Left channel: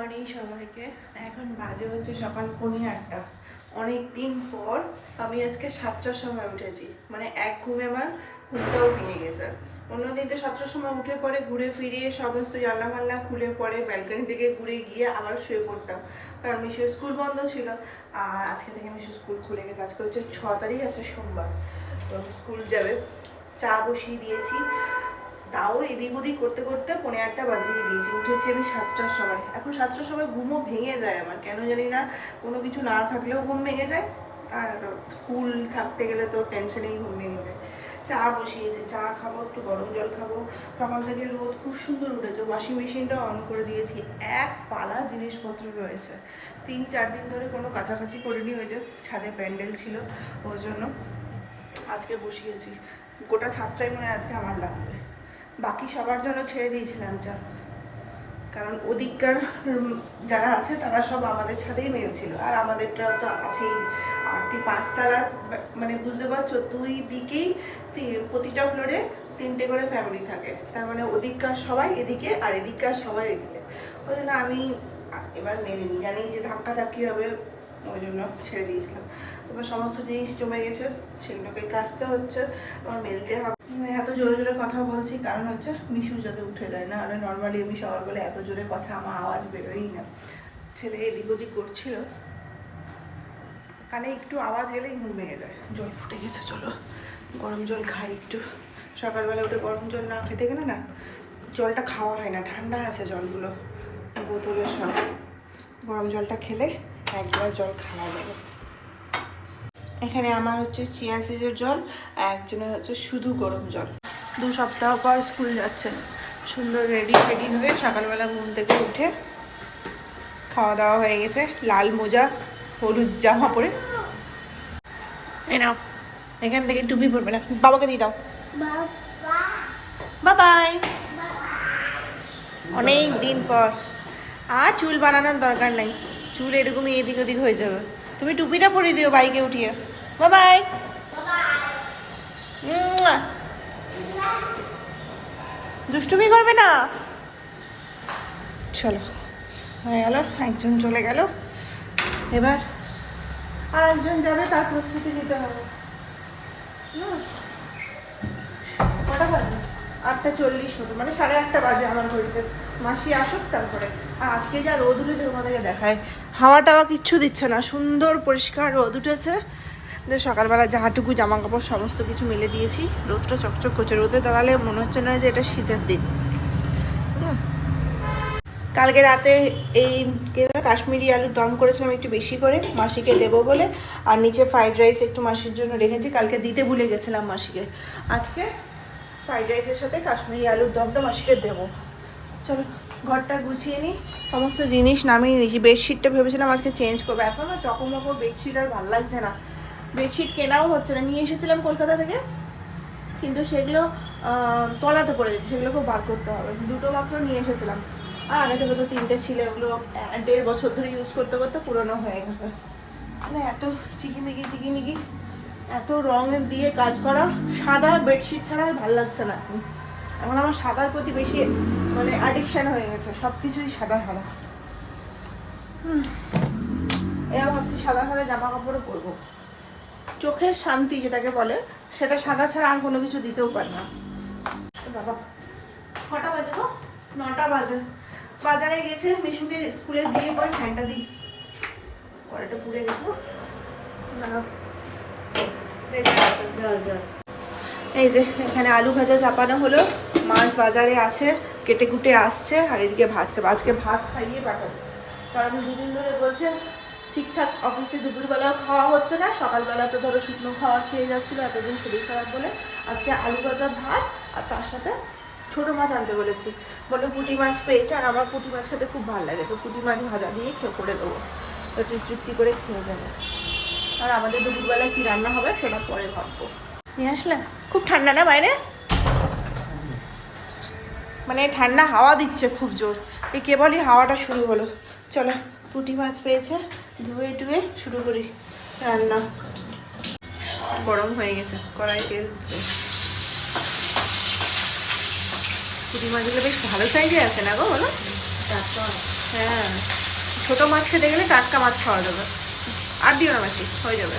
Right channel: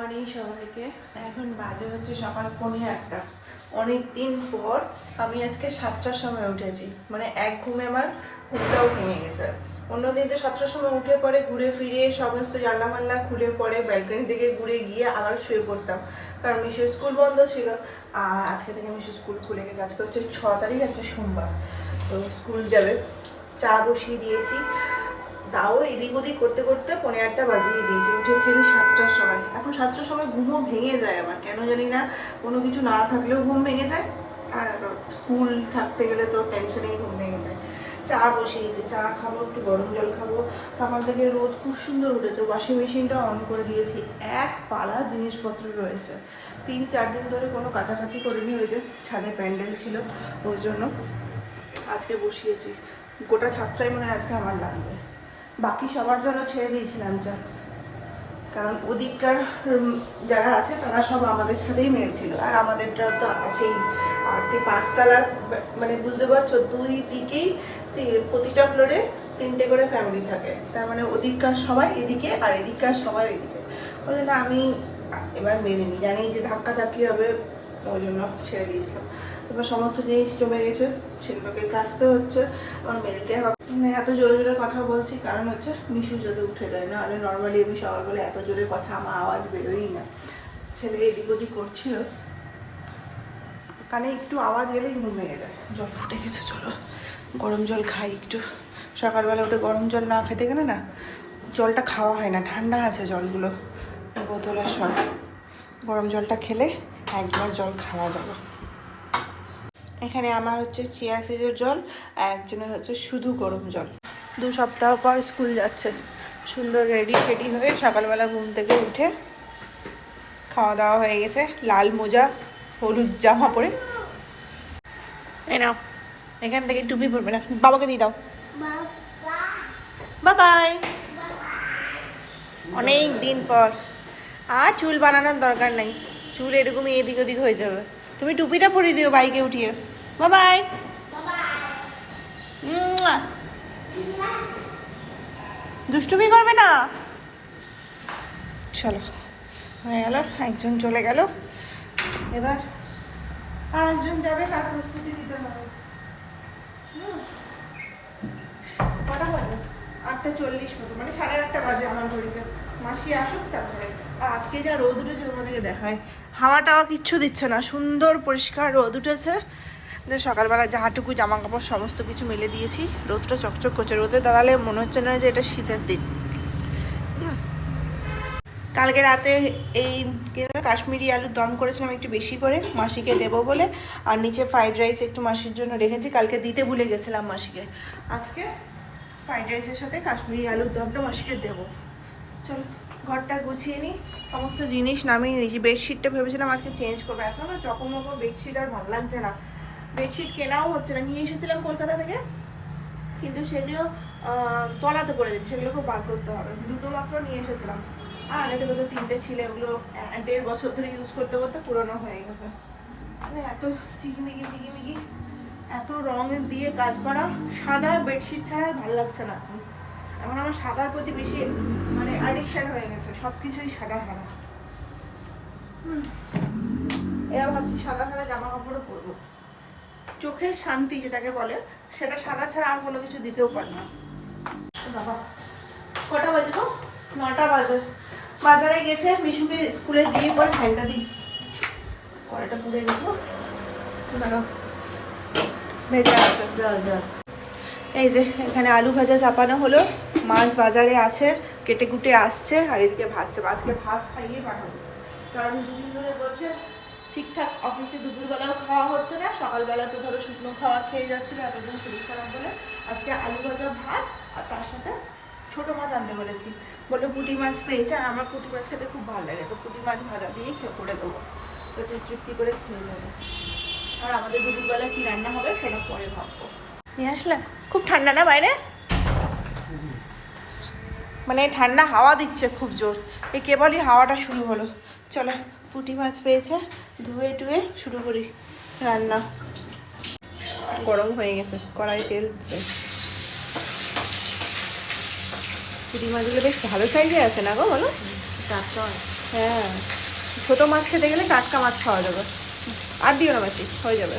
Morning সবাইকে। এখন বাজে হচ্ছে সকাল 8:45। অনেক দিন পর আমি আজকে 7টার সময় উঠেছি, মানে এক ঘুমে আমার ঘুমটাও ভেঙে গেছে। অন্যদিন তো 7টার সময় উঠে পরে ঘুরে ফিরিয়ে সমস্ত জানলা মাল্লা খুলে পরে ব্যালকনি থেকে ঘুরে গিয়ে আবার শুয়ে পড়তাম, কারণ মিশুর স্কুল বন্ধ ছিল। আর আজকে থেকে মিশুর স্কুল খুলে গেছে। আজকে হচ্ছে 6 তারিখ, আছে সোমবার, তো স্কুল যাবে। চা বসিয়ে দিয়েছি, তাও এদিক ওদিক করতে করতে 8:45 বাজিয়ে দিয়েছে। উঠেছি আমি 7টার সময়। এখন 7টার সময় ঘুমও ভেঙে যায় আমার, কেন জানি না, কোনো কিছু না থাকলেও ঘুম ভেঙে যায়, আর স্কুল থাকতে গেলে তো টেনশনেই ঘুম ভেঙে যায়। চা বসিয়েছি, চা খাবো, একটু গরম জল খাবো। সকাল থেকে রোদ খুব সুন্দর উঠেছে, ওয়াশিং মেশিনটা অন করে দিয়েছি। এক পালা জিনিসপত্র রয়েছে, 3-4 দিন ধরে কোনো কাছাকাছি করিনি, ওই যে ছাদে প্যান্ডেল ছিল ওই জন্য আজকে বসিয়েছি। গোটা ছাদটাই মনে হয় আজকে আমার লাগবে। বাকি সবার জন্য ছেড়ে দিয়েছিলাম চা, কারণ ওদিককার যারা আছে তারা সব আমাদের ছাদেই মেয়েছিল, আর আমাদেরটা তো আছেই। আর 5 তলার, মানে বুঝতে পারছো, 2 দিকেই প্রতিটা ফ্লোরে 3টে করে ফ্যামিলি থাকে, তার মানে ওদিককার সবাই এদিকে আর এদিককার সবাই এদিকে। ওই জন্য আমি এবার মেনে নিই, জানি যে ধাক্কা ধাক্কি হবে, ওই জন্য ছেড়ে দিয়েছিলাম। এবার সমস্ত জিনিস জমে গেছে, সেগুলোকে কাচতে হচ্ছে, এবং মেলতে হবে। এত জোরে জোরে কথা বলছি কারণ হচ্ছে মিশু যাতে উঠে যায়, না হলে নর্মালি আমি সবার বলে এত জোরে কথা আমার আওয়াজ বেরোই না। ছেলে এদিক ওদিক করছিল, কানে একটু আওয়াজ গেলেই ঘুম ভেঙে যায়। জল ফুটে গেছে, চলো গরম জল খাই একটু। সকালবেলা উঠে গরম জল না খেতে গেলে না জলটা খাওয়া হয় না, ঠান্ডা আছে জলগুলো বোতলের সব। গরম জলটা খেলে 1 গ্লাস জল খাওয়া যাবে। এখানে আমার হচ্ছে চিয়া সিডের জল, আর একজনের হচ্ছে শুধু গরম জল। 2 সপ্তাহ পর স্কুল যাচ্ছে, সুন্দর রেডি ফেডি হয়ে সকালবেলা ঘুম থেকে উঠে খাওয়া দাওয়া হয়ে গেছে, লাল মোজা হলুদ জামা পরে। এই নাও, এখান থেকে টুপি পরবে না, বাবাকে দিয়ে দাও। বাই। অনেক দিন পর। আর চুল বানানোর দরকার নাই, চুল এরকমই এদিক ওদিক হয়ে যাবে। তুমি টুপিটা পরিয়ে দিও বাইকে উঠিয়ে। বাই। দুষ্টুমি করবে না। চলো, হয়ে গেল, একজন চলে গেল, এবার আর একজন যাবে, তার প্রস্তুতি নিতে হবে। কটা বাজে? 8:40 মতো, মানে 8:30 বাজে আমার ঘড়িতে। মাসি আসুক তারপরে। আর আজকে যা রোদ উঠেছে তোমাদেরকে দেখায়, হাওয়া টাওয়া কিচ্ছু দিচ্ছে না, সুন্দর পরিষ্কার রোদ উঠেছে। সকালবেলা যাহাটুকু জামা কাপড় সমস্ত কিছু মেলে দিয়েছি, রোদটা চকচক করছে। রোদে দাঁড়ালে মনে হচ্ছে না যে এটা শীতের দিন। কালকে রাতে এই কাশ্মীরি আলুর দম করেছিলাম একটু বেশি করে, মাসিকে দেবো বলে। আর নিচে ফ্রাইড রাইস একটু মাসির জন্য রেখেছি, কালকে দিতে ভুলে গেছিলাম মাসিকে। আজকে ফ্রাইড রাইসের সাথে কাশ্মীরি আলুর দমটা মাসিকে দেবো। চলো ঘরটা গুছিয়ে নিই, সমস্ত জিনিস নামিয়ে নিয়েছি। বেডশিটটা ভেবেছিলাম আজকে চেঞ্জ করবো, এখনও চকমকো বেডশিট আর ভালো লাগছে না। বেডশিট কেনাও হচ্ছে না, নিয়ে এসেছিলাম কলকাতা থেকে, কিন্তু সেগুলো তলাতে পড়ে গেছে, সেগুলো খুব বার করতে হবে। 2টো মাত্র নিয়ে এসেছিলাম, আর আগে থেকে তো 3টে ছিল, এগুলো 1.5 বছর ধরে ইউজ করতে করতে পুরোনো হয়ে গেছে। মানে এত চিকিমিকি এত রং দিয়ে কাজ করা, সাদা বেডশিট ছাড়া আর ভালো লাগছে না এখন। এখন আমার সাদার প্রতি বেশি মানে অ্যাডিকশান হয়ে গেছে, সব কিছুই সাদা সাদা। এবার ভাবছি সাদা সাদা জামা কাপড়ও পরবো। চোখের শান্তি যেটাকে বলে, সেটা সাদা ছাড়া আর কোনো কিছু দিতেও পারে না। বাবা কটা বাজে গো? 9টা বাজে। বাজারে গেছে, মিশুকে স্কুলে দিয়ে পরে ফ্যানটা দিই, কড়াইটা পুড়ে গেছিল, দাঁড়াও ভেজে আছে। এই যে এখানে আলু ভাজা চাপানো হলো, মাছ বাজারে আছে, কেটে কুটে আসছে, আর এদিকে ভাত চাপ। আজকে ভাত খাইয়ে পাঠাবো, কারণ 2 দিন ধরে বলছে ঠিকঠাক অফিসে দুপুরবেলাও খাওয়া হচ্ছে না, সকালবেলা তো ধরো শুকনো খাবার খেয়ে যাচ্ছিলো এতদিন শরীর খারাপ বলে। আজকে আলু ভাজা ভাত, আর তার সাথে ছোটো মাছ আনতে বলেছি, বলে পুঁটি মাছ পেয়েছে, আর আমার পুঁটি মাছ খেতে খুব ভালো লাগে, তো পুঁটি মাছ ভাজা দিয়ে করে দেবো, তো তৃপ্তি করে খেয়ে যাবো। আর আমাদের দুপুরবেলা কী রান্না হবে সেটা পরে ভাববো। নিয়ে আসলে খুব ঠান্ডা না বাইরে, মানে ঠান্ডা হাওয়া দিচ্ছে খুব জোর, এই কেবলই হাওয়াটা শুরু হলো। চলো পুঁটি মাছ পেয়েছে, ধুয়ে টুয়ে শুরু করি রান্না। গরম হয়ে গেছে কড়াই, তেল। পুঁটি মাছগুলো বেশ ভালো সাইজে আছে না গো, বলো? হ্যাঁ, ছোটো মাছ খেতে গেলে টাটকা মাছ খাওয়া যাবে। আর দিও না মাসি, হয়ে যাবে।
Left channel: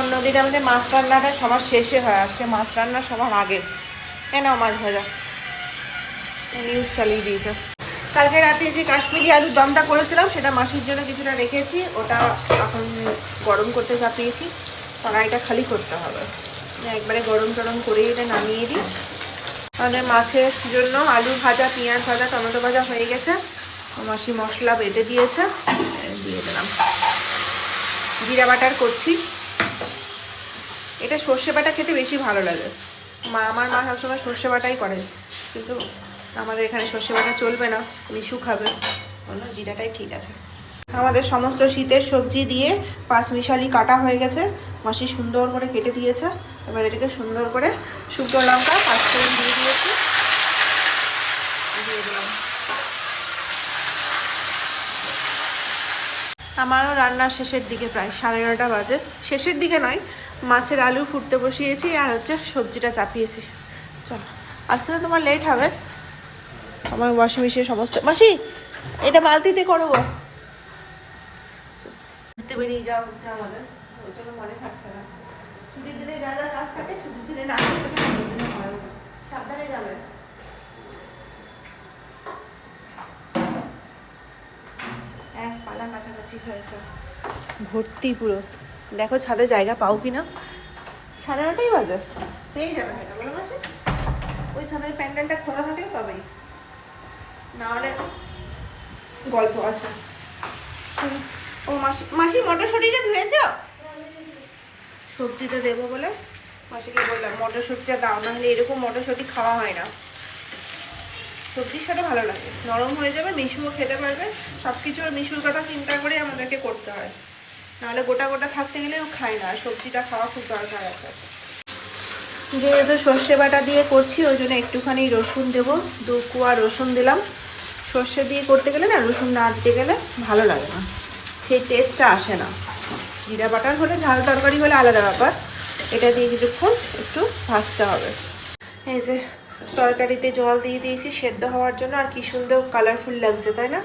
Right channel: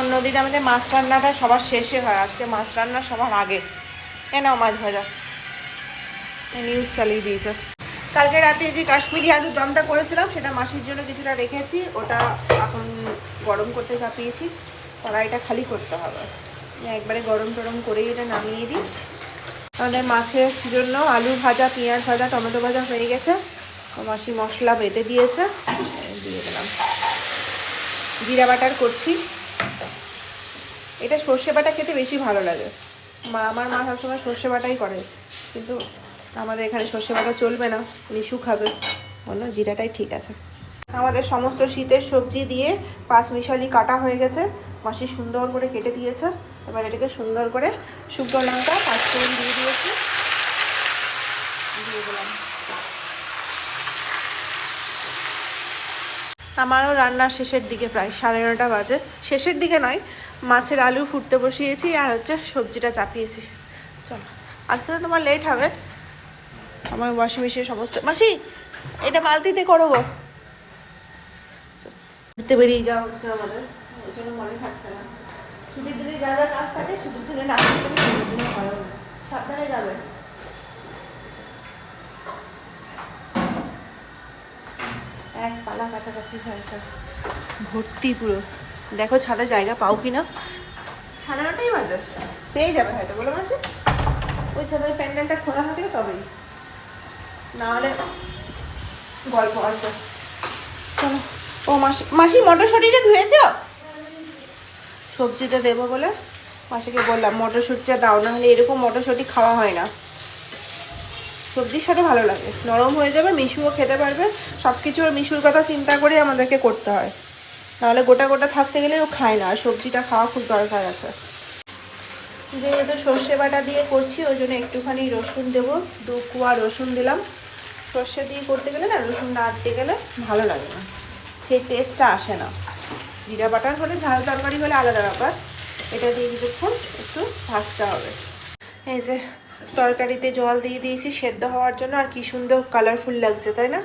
অন্যদিন আমাদের মাছ রান্নাটা সবার শেষে হয়, আজকে মাছ রান্না সবার আগে। নাও মাছ ভাজা, নিউজ চালিয়ে দিয়েছে। কালকে রাতে যে কাশ্মীরি আলুর দমটা করেছিলাম সেটা মাসির জন্য কিছুটা রেখেছি, ওটা এখন গরম করতে চাপিয়েছি। কড়াইটা খালি করতে হবে, একবারে গরম টরম করেই এটা নামিয়ে দিই। আমাদের মাছের জন্য আলু ভাজা, পেঁয়াজ ভাজা, টমেটো ভাজা হয়ে গেছে। মাসি মশলা বেটে দিয়েছে, দিয়ে দিলাম। জিরা বাটার করছি। এটা সর্ষে বাটা খেতে বেশি ভালো লাগে। আমার মা সবসময় সর্ষে বাটাই করে, কিন্তু আমাদের এখানে সর্ষে বাটা চলবে না, মিশু খাবে, বলো জিরাটাই ঠিক আছে। আমাদের সমস্ত শীতের সবজি দিয়ে পাঁচমিশালি কাটা হয়ে গেছে, মাসি সুন্দর করে কেটে দিয়েছে। এবার এটাকে সুন্দর করে শুকনো লঙ্কা পাঁচফোড়ন দিয়ে দিয়েছি, দিয়ে দিলাম। আমারও রান্নার শেষের দিকে, প্রায় 9:30 বাজে। শেষের দিকে নয়, মাছের আলু ফুটতে বসিয়েছি আর হচ্ছে সবজিটা চাপিয়েছি। চলো, আজকে তো তোমার লেট হবে। আমার ওয়াশিং মেশিনে সমস্ত, মাসি এটা বালতিতে করো গো। ঘুরতে বেরিয়ে যাওয়া হচ্ছে আমাদের, এই জন্য মনে থাকছে না। ছুটির দিনে যা যা কাজ থাকে ছুটির দিনে না করতে গেলে ছুটির দিনে হয়ও না। সাবধানে যাবে। এক পালা কাছাকাছি হয়েছে, ভর্তি পুরো। দেখো ছাদে জায়গা পাও কি না। 9:30 বাজে, পেয়ে যাবে হয়তো, বলে মাসি। ওই ছাদের প্যান্ডেলটা খোলা থাকলে তবেই, না হলে গল্প আছে। ও মাসি, মাসি মটরশুঁটিটা ধুয়েছ? সবজিতে দেবো বলে মাসিকে বললাম মটরশুঁটিটা দাও, না হলে এরকম মটরশুঁটি খাওয়া হয় না। সবজির সাথে ভালো লাগে, নরম হয়ে যাবে, মিশুও খেতে পারবে। সব কিছু মিশুর কথা চিন্তা করে আমাদেরকে করতে হয়, নাহলে গোটা গোটা থাকতে গেলে ও খায় না। আর সবজিটা খাওয়া খুব দরকার আছে। যেহেতু সর্ষে বাটা দিয়ে করছি ওই জন্য একটুখানি রসুন দেবো, 2 কোয়া রসুন দিলাম। সর্ষে দিয়ে করতে গেলে না, রসুন না দিতে গেলে ভালো লাগে না, সেই টেস্টটা আসে না। জিরা বাটার হলে, ঝাল তরকারি হলে আলাদা ব্যাপার। এটা দিয়ে কিছুক্ষণ একটু ভাজতে হবে। এই যে তরকারিতে জল দিয়ে দিয়েছি সেদ্ধ হওয়ার জন্য, আর কি সুন্দর কালারফুল লাগছে, তাই না?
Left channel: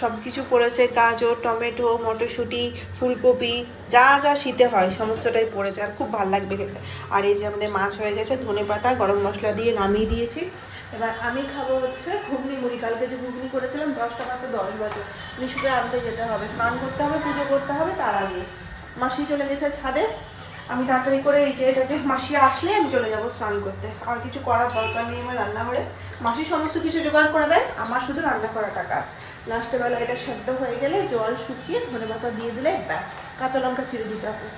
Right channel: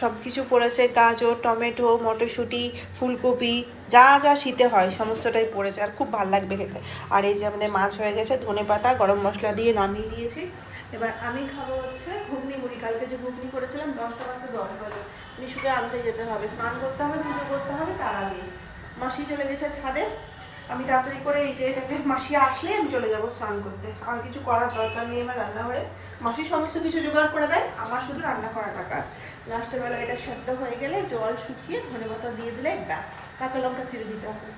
সব কিছু পড়েছে, গাজর, টমেটো, মটরশুঁটি, ফুলকপি, যা যা শীতে হয় সমস্তটাই পড়েছে, আর খুব ভালো লাগবে খেতে। আর এই যে আমাদের মাছ হয়ে গেছে, ধনেপাতা গরম মশলা দিয়ে নামিয়ে দিয়েছি। এবার আমি খাবো হচ্ছে ঘুগনি মুড়ি। কালকে যে ঘুগনি করেছিলাম 10টা বাজে 10 বাজে মিশুকে আনতে যেতে হবে, স্নান করতে হবে, পুজো করতে হবে, তার আগে মাসি চলে গেছে ছাদে। আমি তাড়াতাড়ি করে এই যে এটাতে মাসি আসলে আমি চলে যাবো স্নান করতে। আর কিছু করার দরকার নেই আমার রান্নাঘরে, মাসি সমস্ত কিছু জোগাড় করে দেয়, আমার শুধু রান্না করা টাকা। লাস্টে বেলা এটা সেদ্ধ হয়ে গেলে জল শুকিয়ে ধনেপাতা দিয়ে দিলে ব্যাস, কাঁচা লঙ্কা ছিঁড়ে দিতে হবে।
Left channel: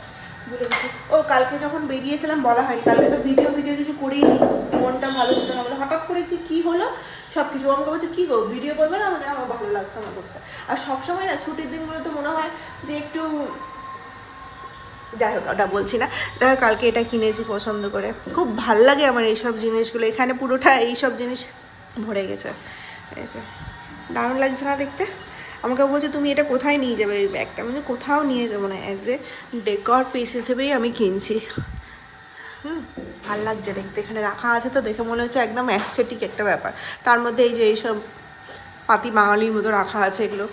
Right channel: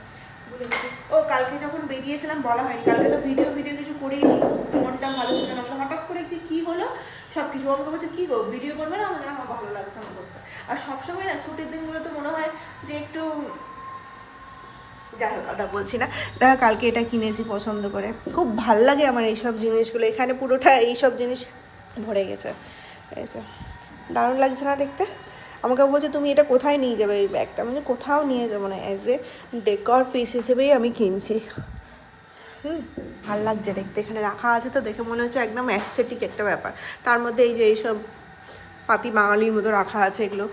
বলে দিচ্ছি। ও কালকে যখন বেরিয়েছিলাম বলা হয়নি, কালকে তো ভিডিও কিছু করিনি, মনটা ভালো ছিল না বলে। হঠাৎ করে কি হলো সব কিছু আমাকে বলছে, কী গো ভিডিও করবে না? আমাদের আমার ভালো লাগছে না করতে। আর সবসময় না ছুটির দিনগুলোতে মনে হয় যে একটু, যাই হোক ওটা বলছি না। দেখো কালকে এটা কিনেছি পছন্দ করে, খুব ভাল লাগে আমার এইসব জিনিসগুলো। এখানে পুরোটা এইসব জিনিস ভরে গেছে, এই যে দারুণ লাগছে না দেখতে? আমাকে বলছে তুমি এটা কোথায় নিয়ে যাবে এই ব্যাগটা? মানে কোথাও নিয়ে যাবো না, অ্যাজ এ ডেকর পিস হিসেবেই আমি কিনছি। ভাল লাগছে দেখতে, এখানে রাখা আছে তো দেখে মনে হচ্ছে একদম অ্যাস্থেটিক একটা ব্যাপার। তার মধ্যে এই যে এইসব পাতি বাঙালির মতো রাখা আছে এগুলো।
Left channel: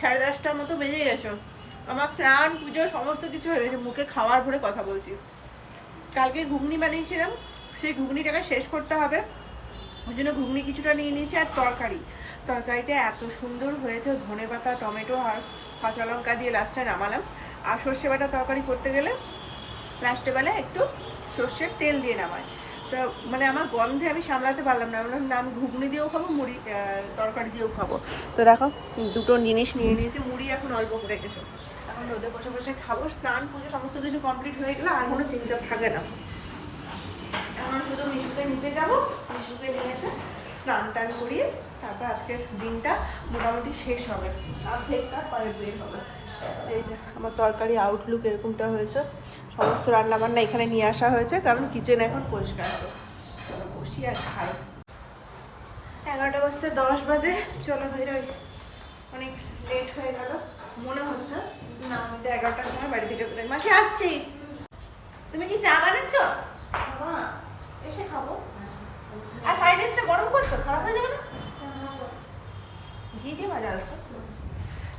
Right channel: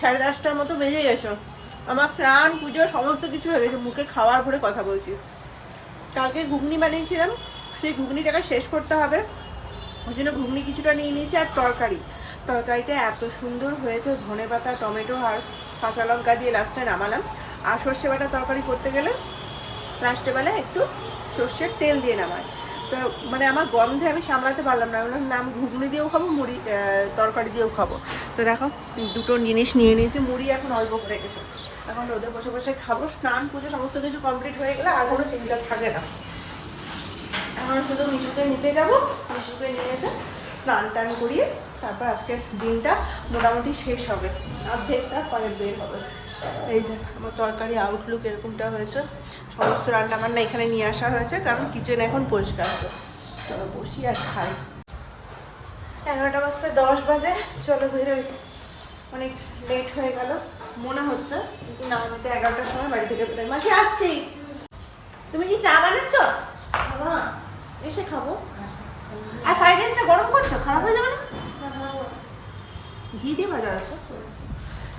10:30টার মতো বেজে গেছে, আমার স্নান পুজো সমস্ত কিছু হয়ে গেছে, মুখে খাওয়ার ভরে কথা বলছি। কালকে ঘুগনি বানিয়েছিলাম, সেই ঘুগনিটাকে শেষ করতে হবে, ওই জন্য ঘুগনি কিছুটা নিয়ে নিয়েছি। আর তরকারিটা এত সুন্দর হয়েছে, ধনেপাতা, টমেটো আর কাঁচা লঙ্কা দিয়ে লাস্টে নামালাম। আর সর্ষে বাটা তরকারি করতে গেলে লাস্টে বেলায় একটু সর্ষের তেল দিয়ে নামায়, তো মানে আমার গন্ধে আমি সামলাতে পারলাম না, বললাম না আমি ঘুগনি দিয়েও খাবো, মুড়ি তরকারি দিয়েও খাবো। তো দেখো দুটো জিনিস নিয়ে নিয়েছি, মুড়ি এখন অল্প করে গেছে, এখন রোদে বসে বসে খাবো। স্নান পুজো সমস্ত কিছু কমপ্লিট হয়ে গেলে আর কোনো চিন্তা থাকে না। এখন শুধু মিশুকে নিতে যাবো, মিশুকে নিয়ে এসে স্নান টান করিয়ে তারপর আজকের দিনটা মোটামুটি শেষ হবে, অর্ধেকটা পরে বের হবে। এই যে আমার তরকারি আউটলুক এরকমটা হয়েছে, সমস্ত রান্নাবান্না এখানে নিয়ে আসা হয়েছে, কারণ কিচেন এখন পরিষ্কার হবে। চলো বসি আর খাই। 11টা বাজতে 10 বাজে, চলো বেরোই। অনেক লেট হয়ে গেল মনে হচ্ছে, কিন্তু না, আমাকে 11টার সময় বাড়ি থেকে বেরোই। মাসি আসছি, তুমি কি চা বানাচ্ছ? এসে খাবো। আর ফ্রাইড রাইসটা গরম করছো, খারাপ হয়ে যাবে না? ঘি দিয়ে ভাজা আছে।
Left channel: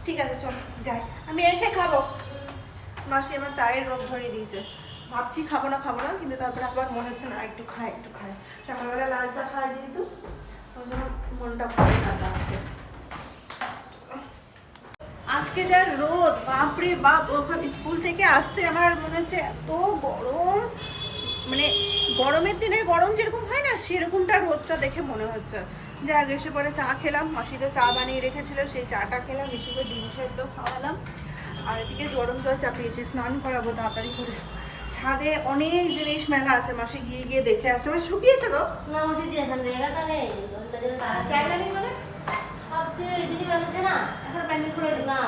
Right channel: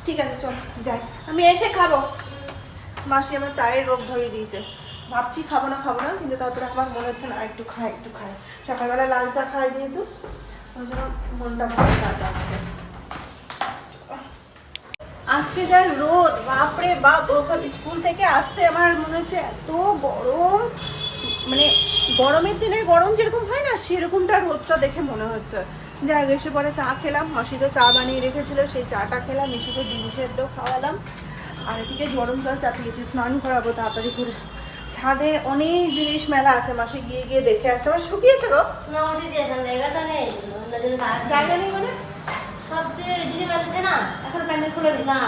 ঠিক আছে চল যাই, আমি এসে খাবো। মাসি আমার চায়ের রোগ ধরিয়ে দিয়েছে, ভাবছি খাবো না কিন্তু তারপরে আবার মনে হচ্ছে না একটু খাই। সকালবেলা লাল চা খাই যেহেতু, ওই জন্য মনটা ভালো না চা খেতে। আজকে যা রোদ, বাপরে বাপ, ওখানে স্কুল থেকে আসতে আমার মনে হচ্ছে এত গরম, মানে গরমের দিনের গরম যেরকম হয় না সেরকমটা রোদটা দেখে মনে হচ্ছে। যাই হোক, এসে পরে চা খেলাম, মাসি তো চা বানিয়ে রেখেছিল, সেই চাটা খেলাম, মিশিকে ডিম সেদ্ধ খাওয়ালাম। আর এদিকে গরম জল চাপিয়েছি, স্নান করাবো তাড়াতাড়ি করে। ছাদে অনেক জিনিস মেলা আছে, মাসি গিয়ে দেখে আসছে। আমার শুকিয়েছে গো না, উঠে দিয়েছেন জায়গাটা নেই, জায়গা নেই মানে সব দিয়ে এদিকে বেরোচ্ছে না এখন প্যান্ডেল খুলে নেই না,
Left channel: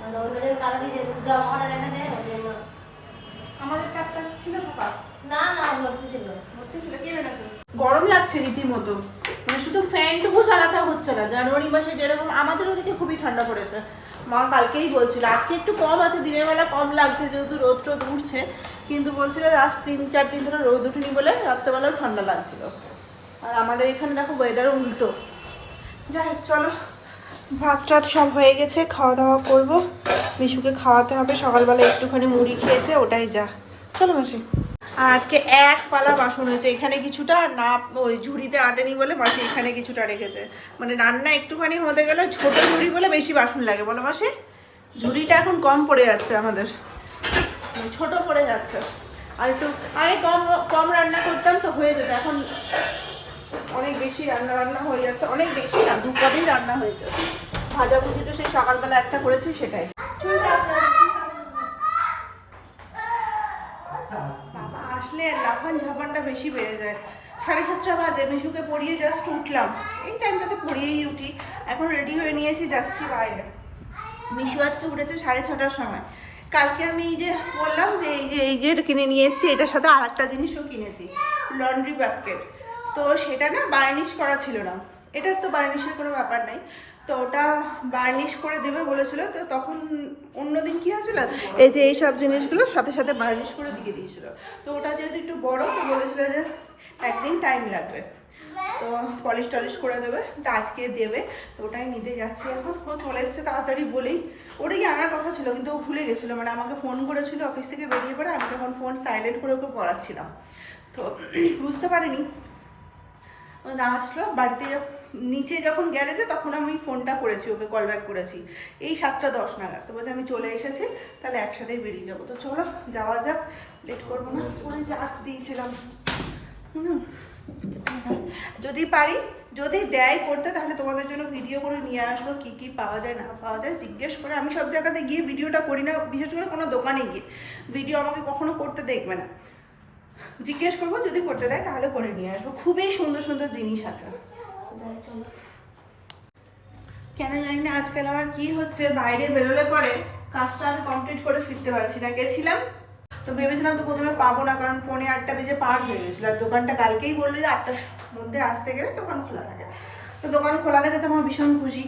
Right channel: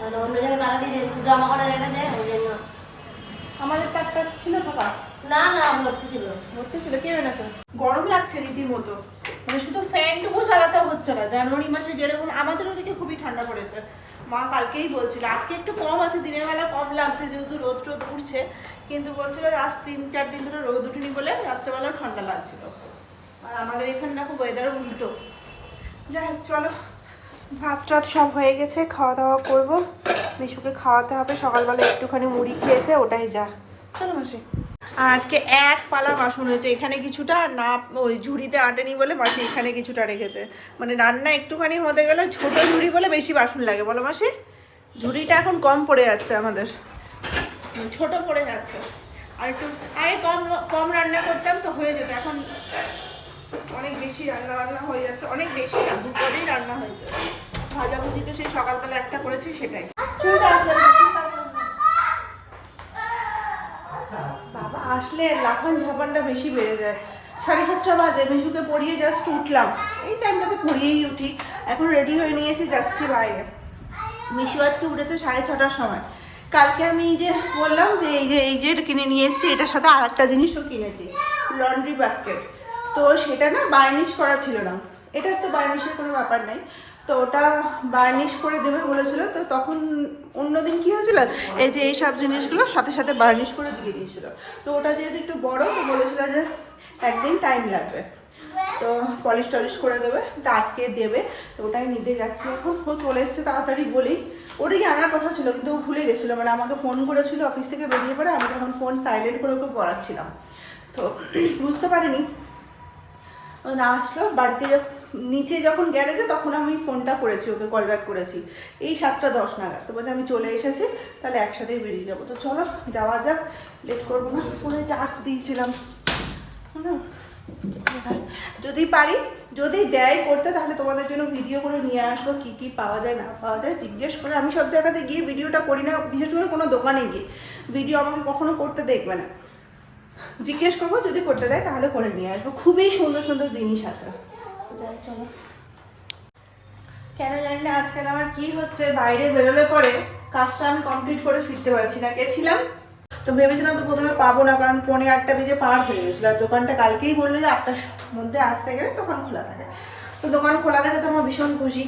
মানে অন্যজন তারা দিয়ে জমা করে রেখে দেয় ওই জন্য। আমাদের তারটা ছিল ফাঁকা না না ভর্তি ছিল। ভর্তি ছিল, কে বেড়েছে? গরম লাগছে রীতিমতো, মানে শুধু ফ্যানটুকু চালাতেও হচ্ছে না। জানুয়ারি মাসে যেরকম, আমাদের ওদিকে খুবই ঠান্ডা পড়েছে। মা কালকেই বলছিল আজকে একটু কম আছে, দিনের বেলা কম লাগছে যেহেতু রোদ টোদ উঠছে, কিন্তু বলছিল লাস্ট 3-4 দিন ধরে রোদ উঠেনি বলে রাত্রেবেলাও ঠান্ডা লাগছিল। আর আমাদের এখানে দেখো ওয়েদারও উল্টো। যাই হোক চলো, ভাত টাত সব হয়ে গেছে, খাওয়া দাওয়া করবো। মিশুকে খাওয়াতে হবে, সকালবেলা একটুখানি মুড়ি খেয়েছে, ওটাই যা। চলো মাসি। আর আজকে এক পালা বাসন হয়েছে, এখানে কিছুটা না ওই ঝুড়িতে আটেনি বলে মাসি এখানে কিছুটা রেখেছে। মানে রান্না একটুখানি হতে গেলে ছোট ঝুড়ি বলে বেশি বাসন লাগে, বলো মাসি? ঝুড়িটা এখন কম পড়ে যাচ্ছে আমাদের, ছোট পড়ে যাচ্ছে। আর একটু আগে কম রান্না করতাম তো হয়ে যেত, এখন অনেক বেশি রান্না হয়ে যাচ্ছে। অনেক বেশি না, 2 পদেই রান্না হয়েছে। ভাজাভুজি তো সেই সকালবেলা একটা করেছি সেটাই। বাবা আসলে লাফান ঝাপানটা বেশি বেড়ে যায়। 7:30 বাজে, মিশুকে পড়িয়ে জাস্ট উঠলাম, এই টাইমটাতে পড়িয়েই উঠি। এখন রেডি হয়ে নিয়েছি, যাচ্ছি বাইরে। মিশু আজকে উঠেছে 6:30টার সময়। কালকে আমি এই যে বললাম যে এই যে কিনে নিয়ে এসেছি, এটার সাথে আর একটা জিনিসও কিনেছি, লন্ড্রি বাস্কেট। তো সেটা না বার্নিশ করা ছিল না, এটার তো বার্নিশের কোনো ব্যাপার নেই, তো ওটা বার্নিশ করে দেবে বলেছিল। তো তখন অন্যদিন কী হয়েছিল, এই যে এই সব জিনিসগুলো সাথে সাথে বার্নিশ করে দিয়ে দিয়েছিল। তো ওটা যেহেতু একটু বড়, তো বলেছিল যে একদিন টাইম লাগবে, তো পলিশ টলিশ করে দেবে, তো আজকে দেবে। তো ওটাই নিতে যাচ্ছি এখন। ও চলে এসছে তাড়াতাড়ি বলেই, ওটাকে আনার কথা ছিল কিন্তু ও ভুলে গেছিলো। মানে আমাকে ফোন করেছিল অফিস থেকে বেরিয়ে পড়ে, আমি তখন ফোন সাইলেন্ট করে ওকে পড়াচ্ছিলাম, তো বুঝতে পারিনি। না আসলো বাড়িতে, নিচে যখন গ্যারেজে তখন আমি ফোনটা করেছি ওকে, কল ব্যাক করেছি এই 7:10 নাগাদ। তো বলছে আমি চলে এসেছি, তাহলে একসাথেই বেরিয়ে যাবো। তো চলো যাওয়া যাক, লেট করবো না। ফোনে চার্জ দিয়েছিলাম, যদি পারি, যদি দেয় করতে, তাহলে তোমাদের জন্য ভিডিও করে নিয়ে আসবো। কী কী পাওয়া যায় না পাওয়া যায় জিজ্ঞেস করে। আমি সব জায়গাতে গিয়ে ভিডিওটা করি না, বিশেষ করে কোনো দোকানে গিয়ে ভিডিও আমাকে কখনো করতে দেখবে না। জিজ্ঞেস করবো, যদি করতে দেয় তাহলে করে নিয়ে আসবো। খুবই সুন্দর সুন্দর জিনিস আছে। যাই চলো। কেন জানি না আজকাল আমার কি হচ্ছে, বাইরে বেরোলে পরে কাজটা আমি কমপ্লিট করে ফিরতে পারছি না। গেছিলাম তো ভেবেছিলাম তো প্রথমে পাবো না, কারণ 8:45 বেজে পার হয়ে গেছিলো। আর দোকানটা কালকেই বললো যে 8টার মধ্যে আসতে গেলে দোকান খোলা থাকে। তো দোকান খোলা থাকে তো আমার ভীষণ খুশি।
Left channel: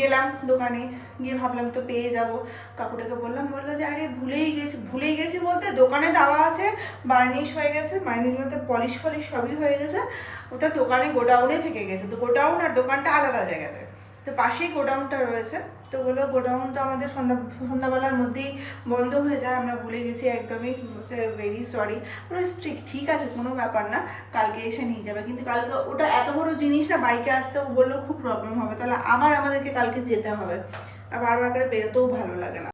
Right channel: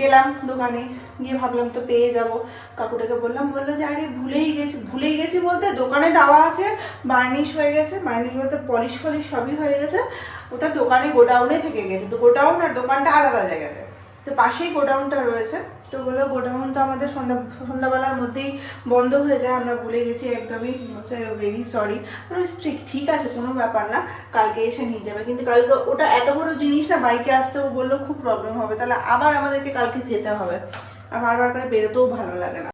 গেলাম দোকানে, গিয়ে ভাবলাম তো পেয়ে যাব। কাকুটাকে বললাম, বললো যে আরে ভুলেই গেছি বলতে, দোকানে দেওয়া আছে, বার্নিশ হয়ে গেছে, বার্নিশ বলতে পলিশ ফলিশ সবই হয়ে গেছে, ওটা দোকানে গোডাউনে থেকে গেছে। তো গোডাউন আর দোকানটা আলাদা জায়গাতে, তো পাশেই গোডাউনটা রয়েছে। তো বললো গোডাউন তো আমাদের সন্ধ্যাবেলার মধ্যেই বন্ধ হয়ে যায়, আমরা ভুলে গেছি একদমই, হচ্ছে ভেরি সরি। ঠিক আছে, কোনো ব্যাপার না, কালকে এসে নিয়ে যাবে। কিন্তু কালকে ওটা এত বড় জিনিস না, বাইকে আসতেও বললো খুব প্রবলেম হবে, তাহলে আবার আমাদেরকে কালকে যেতে হবে। আর বারবার করে বেরোতেও ভালো লাগে না,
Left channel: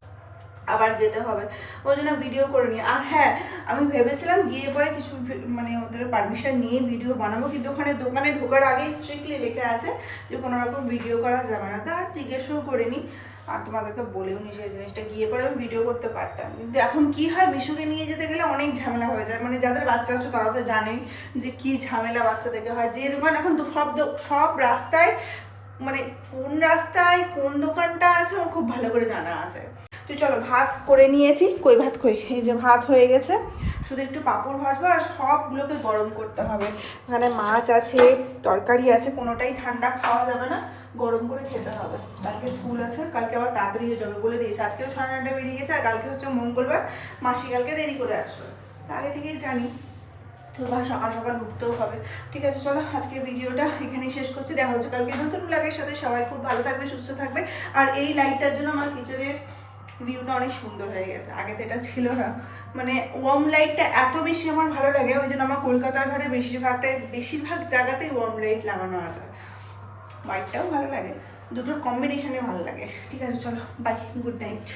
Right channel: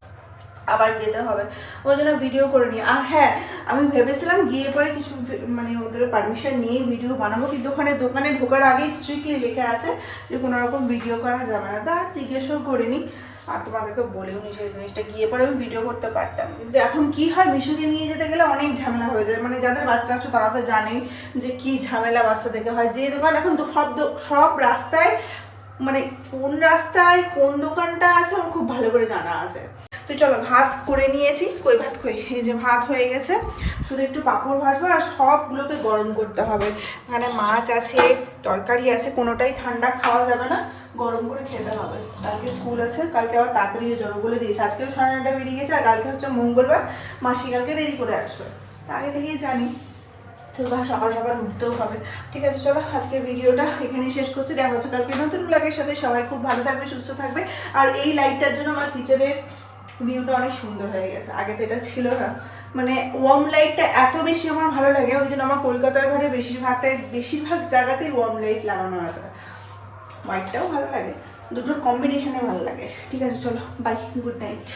আবার যেতে হবে। ওই জন্য ভিডিও করে নিই। আর হ্যাঁ, আমি ভেবেছিলাম গিয়ে পরে কিছু মানে ওদের পারমিশন নিয়ে ভিডিও বানাবো, কিন্তু দোকানে ঢোকার আগেই স্ট্রিক্টলি লেখা আছে যে কোনো রকম ভিডিও করা যাবে না। তা আর জিজ্ঞেসও করিনি, আর তোমাদেরকে বলেও নি সেই জিনিসটা। গিয়ে পরে আমি ভিডিও করতে পারতাম, কিন্তু এখন কি হয়, মিশুকে নিয়ে যেতে গেলে অনেক ঝামেলা হয়ে যায়। মানে যাদের বাচ্চা আছে তারা তো জানেই যে কি ঝামেলা বাচ্চাদেরকে হয়। যে দোকান এখন তো সব রাস্তায়, মানে কোন রাস্তায় কোন দোকানটা আছে ও খুব ভালো করে জানা আছে। তো চলো, ভাত করে নিয়েছি, ভাত এই যে ভাত হয়ে গেছে, শুধু একটু পাঁপড় ভাজবো আর সবগুলোকে গরম করতে হবে। এখানে মাছ আছে, তরকারি আছে, কোনোটাই ঠান্ডা খাওয়া যাবে না, গরম করে খেতে হবে। কালকে স্কুল আছে, কালকে আবার তাড়াতাড়ি যাবে বলে দিয়েছে। আজকেও 9:30 বেরিয়ে গেছে, আর কালকে হচ্ছে মঙ্গলবার, মাসি কালকে দেরি করে আসবে। তা আগে থেকেই জানি, তো সকাল সকাল উঠতেও হবে। ঠিক আছে, চলো আজকের ভিডিওটা এখানেই শেষ করছি। দেখা হচ্ছে কালকে নতুন ব্লগের সাথে। সবাই খুব ভালো থাকবে, সুস্থ থাকবে। আর এই লাইটটার জন্য আমার কিচেনের ভিউটা অনেক সুন্দর হয়ে গেছে, আগে তো এটা ছিল না। মানে ওয়ার্ম লাইটটা এত বেশি আমার ভালো লাগে, ওই জন্য আমার কলকাতার ঘরে বেশিরভাগ জায়গাতেই ওয়ার্ম লাইট লাগানো আছে। হোয়াইটটাও ভালো লাগে, দুটোর কম্বিনেশনে ভালো লাগে। ঠিক আছে, চলো বাই, গুড নাইট।